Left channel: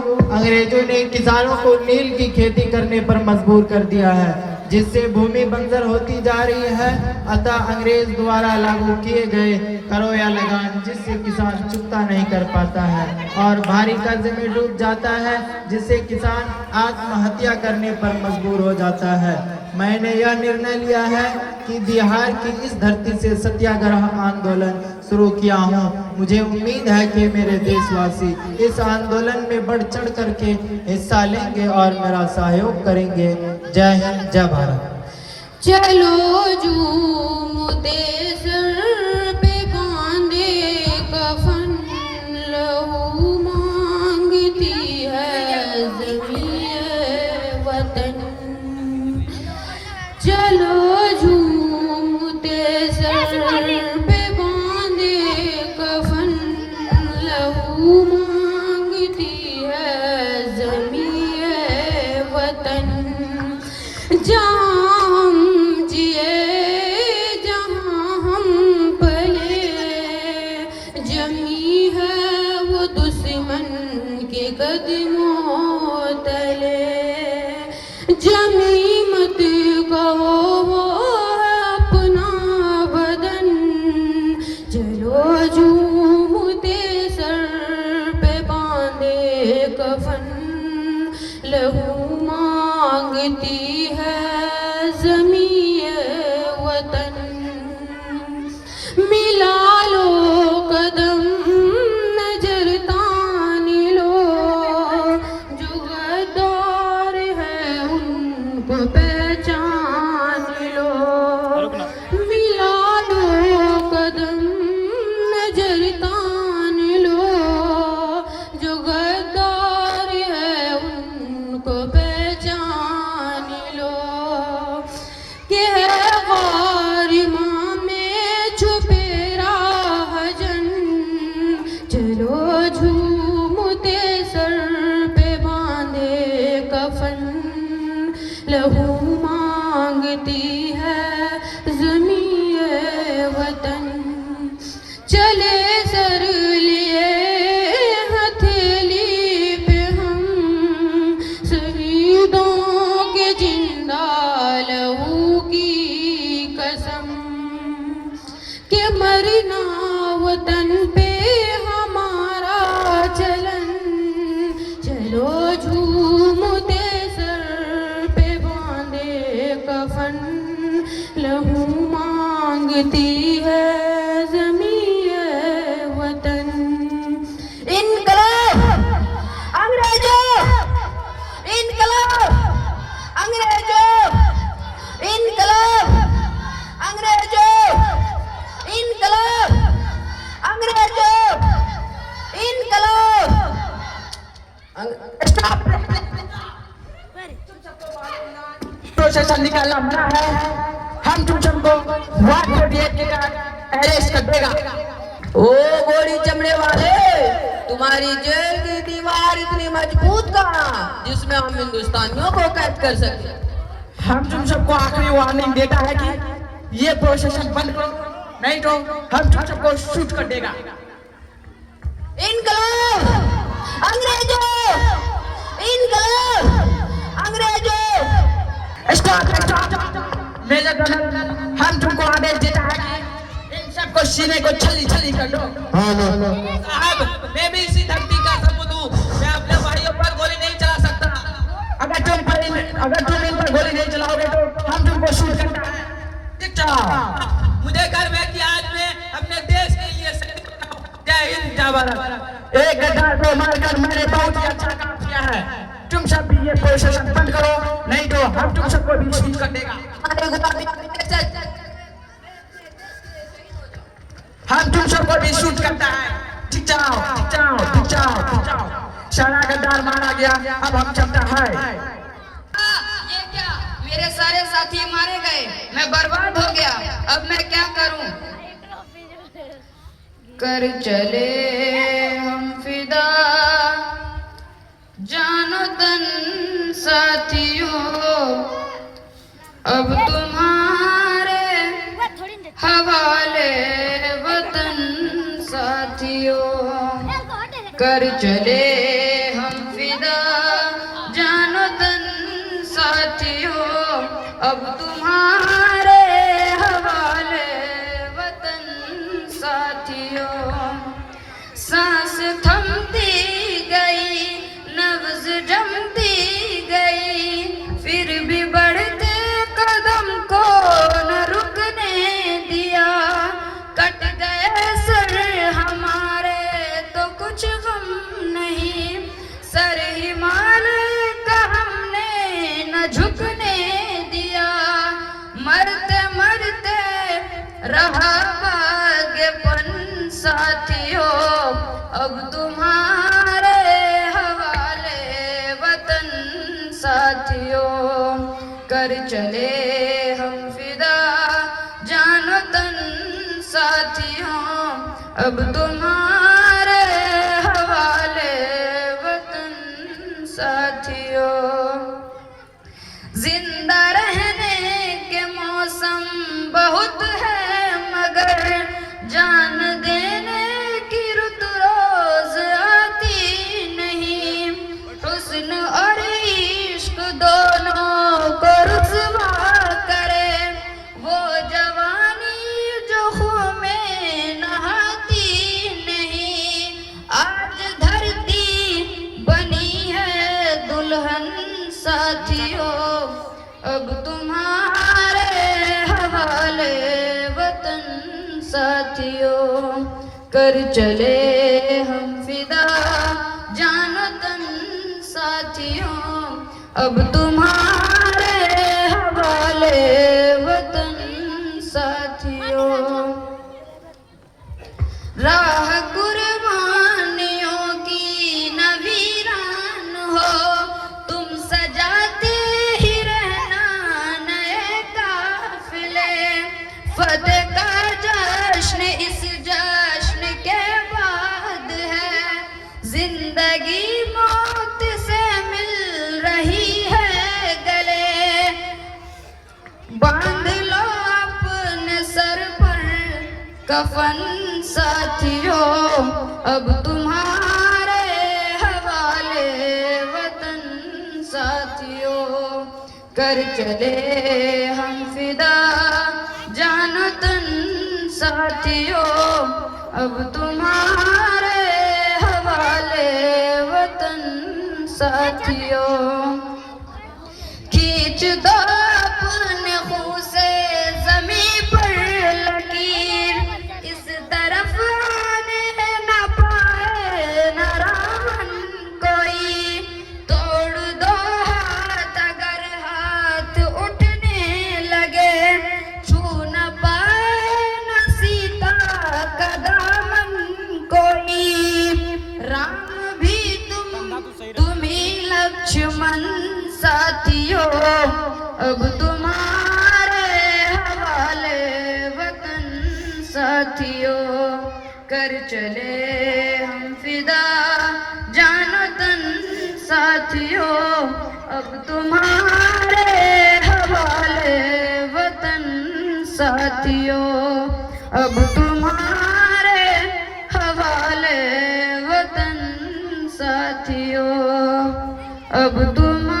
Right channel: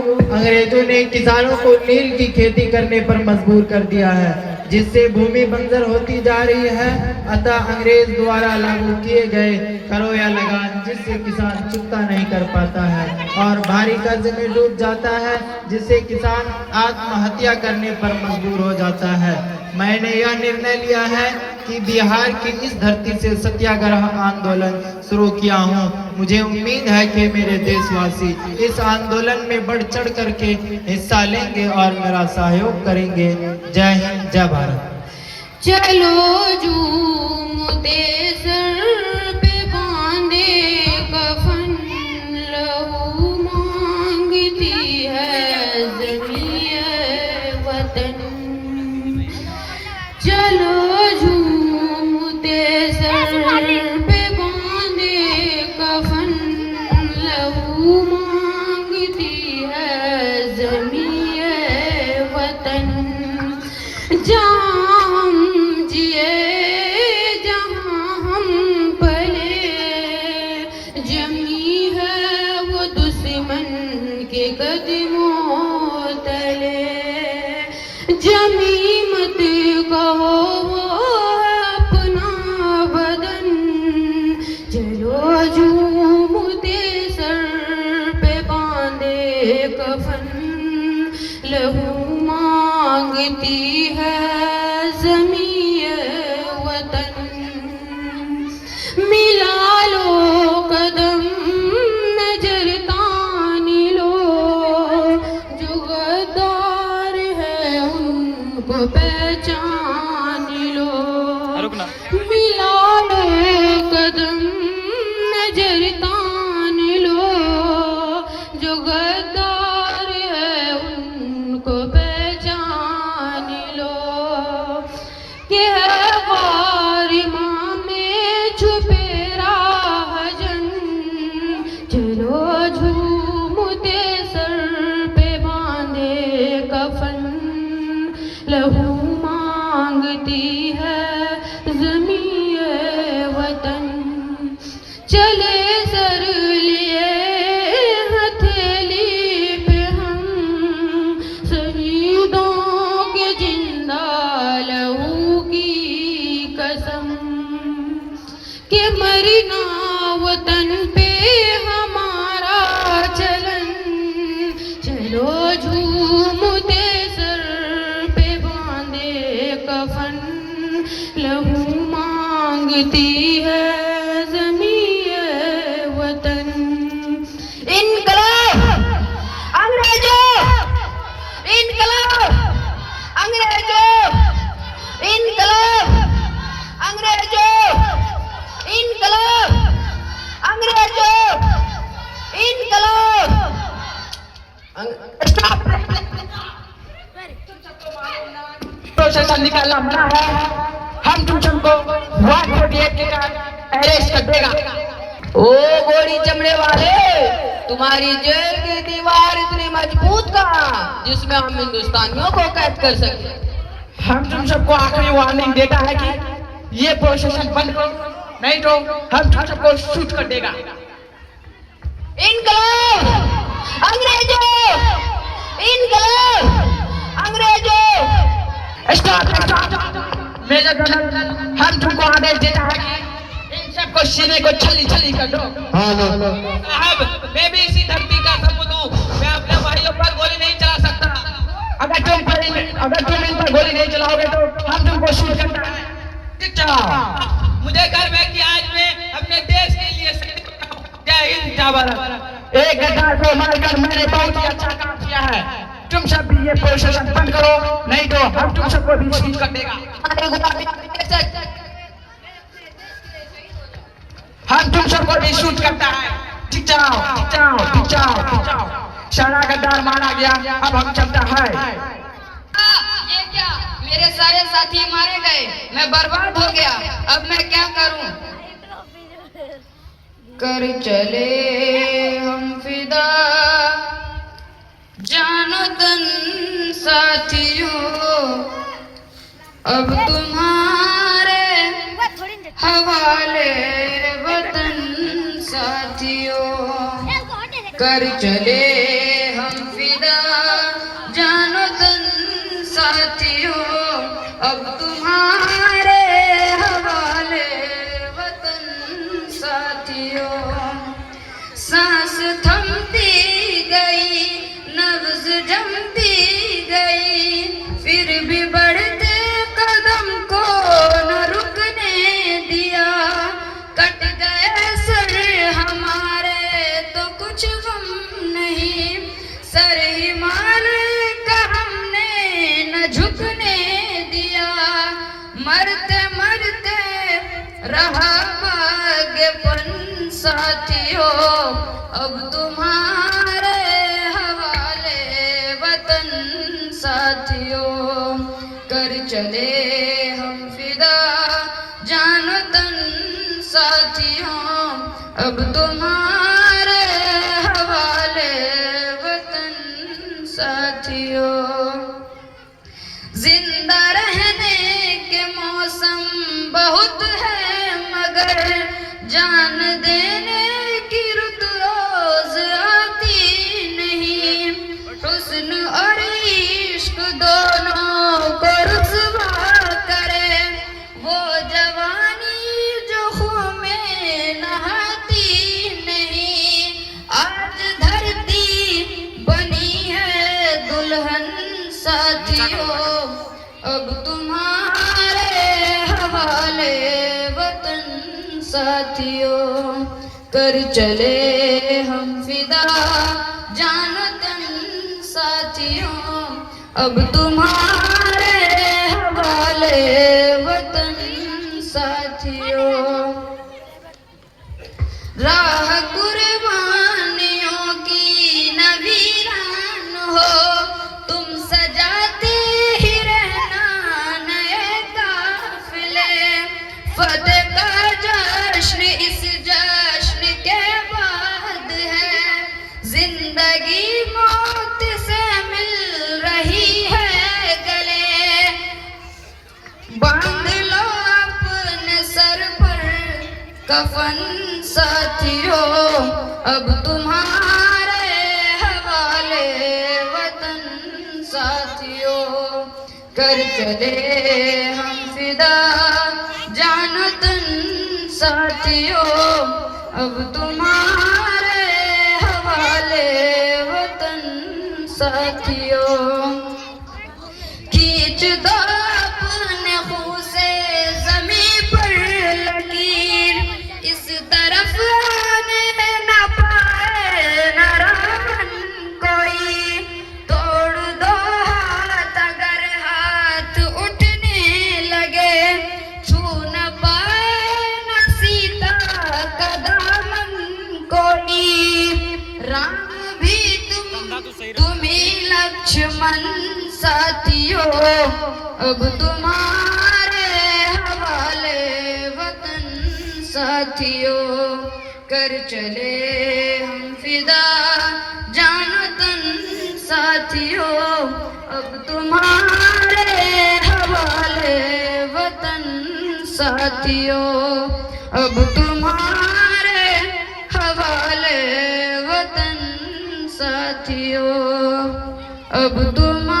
अंग्रेजों ने किसानों को नील की खेती करने पर मजबूर कर दिया है, जिससे भूमि बंजर होती जा रही है। अतः अंग्रेज द्वारा लागू किए गए करो या लगान, जिससे किसान चुकता नहीं कर पाता है और भारी कर्ज में डूब जाता है, जिससे किसान आत्महत्या करने पर मजबूर हो जाता है। मैंने यह निर्णय लिया है कि बिहार की इस धरती से सत्याग्रह आंदोलन शुरू किया हूँ। मुझे उम्मीद है कि मेरे देशवासी इस आंदोलन में बढ़ चढ़ करके हिस्सा लेंगे और मेरा सहयोग करेंगे। जय हिंद, जय भारत। चलो झूमते सर पे बांधे कफन, लहू मांगती है ज़मीं वतन। चलो झूमते सर पे बांधे कफन, लहू मांगती है ज़मीं वतन। जहाँ हम जिए, जहाँ हम पले, जमी है वो दुश्मन के कदमों तले। जमी मत कहो वो है अपना बदन, चलो झूमते सर पे बांधे कफन, लहू मांगती है ज़मीं वतन। मिला लो कदम, नजर तान लो, जो गद्दार है उनको पहचान लो। मिला लो कदम, नजर तान लो, जो गद्दार है उनको पहचान लो। कि है वारिमां में छुपे राहजन, चलो झूमते सर पे बांधे कफन, लहू मांगती है ज़मीं वतन। चले सर लिए हथेली पे हम, शहीदों के जिंदा लहू की कसम। के मरना वतन पे हमारा चलन, चलो झूमते सर पे बांधे कफन, लहू मांगती है ज़मीं वतन। इनकलाब अंग्रेजों, इनकलाब अंग्रेजों, इनकलाब अंग्रेजों, इनकलाब अंग्रेजों, इनकलाब। प्रोसेशन निकालना मना है। हम तुम सबको 148 के अरेस्ट कर देगा। ओ गोली चमड़े वाले, तुम्हारी जेल की दीवार इतनी मजबूत कहाँ जिसमें हम हिंदुस्तानियों को कैद कर सके। हम तुम सबको आखिरी वार्निंग देता है कि ये प्रोसेशन बंद करो, नहीं तो हम तुम सबको शूट कर देगा। इनकलाब अंग्रेजों, इनकलाब अंग्रेजों। मेजर जनरल हम तुमको आदेश देता है कि इन सबको सीने को छली छली कर दो। साहब, मैं भी इसी धरती का सबूत हूँ। मैं अपने भाइयों पर गोली नहीं चला सकता। अगर तुम इन पर गोली नहीं चलाओगे तो हम तुमको शूट करता है। मुझे गर्व है कि आज मैं अपने देश के लिए शहीद हुआ हूं। जय हिंद, जय भारत। एक गद्दार को मारकर मैंने बहुत ही अच्छा काम किया है। तुम सब भी ये प्रोसेशन बंद करो, नहीं तो हम तुम सबको भी शूट कर देगा। हम तुम सबको भी शूट करता है। ठीक जाओ, ठीक जाओ, ठीक जाओ, ठीक जाओ। सारा गद्दार मारा गया, अब हम चलता है। ये क्या, मेरे सारे साथी मारे गए, मैं बर्बाद हो गया। अब मैं क्या करूं? कर चले हम फिदा, जानो तन साथियों, अब तुम्हारे हवाले वतन साथियों। कर चले हम फिदा, कर चले हम फिदा जानो तन साथियों, अब तुम्हारे हवाले वतन साथियों। जिंदा रहने के मौसम बहुत है मगर जान देने की रुत रोज आती नहीं। हुस्न और इश्क दोनों को रुसवा करे वो जवानी जो खून में नहाती नहीं। आज धरती बनी है दुल्हन साथियों, अब तुम्हारे हवाले वतन साथियों। कर चले हम फिदा जानो तन साथियों, अब तुम्हारे हवाले वतन साथियों। राह कुर्बानियों की न वीरान हो, तुम सजाते ही रहना नए काफिले। फतेह का जश्न इस जश्न के बाद है, जिंदगी मौत से मिल रही है गले। बांध लो अपने सर पर कफन साथियों, अब तुम्हारे हवाले वतन साथियों। कर चले हम फिदा जानो तन साथियों, अब तुम्हारे हवाले वतन साथियों। खींच दो अपने खून से ज़मीं पर लकीर, इस तरफ आने न पाए न रावण कोई। तोड़ दो हाथ अगर हाथ उठने लगे, छू न पाए न सीता का दामन कोई। राम भी तुम्ही लक्ष्मण साथियों, अब तुम्हारे हवाले वतन साथियों। कर चले हम फिदा जानो तन साथियों, अब तुम्हारे हवाले वतन साथियों। अब तुम्हारे हवाले वतन साथियों, अब तुम्हारे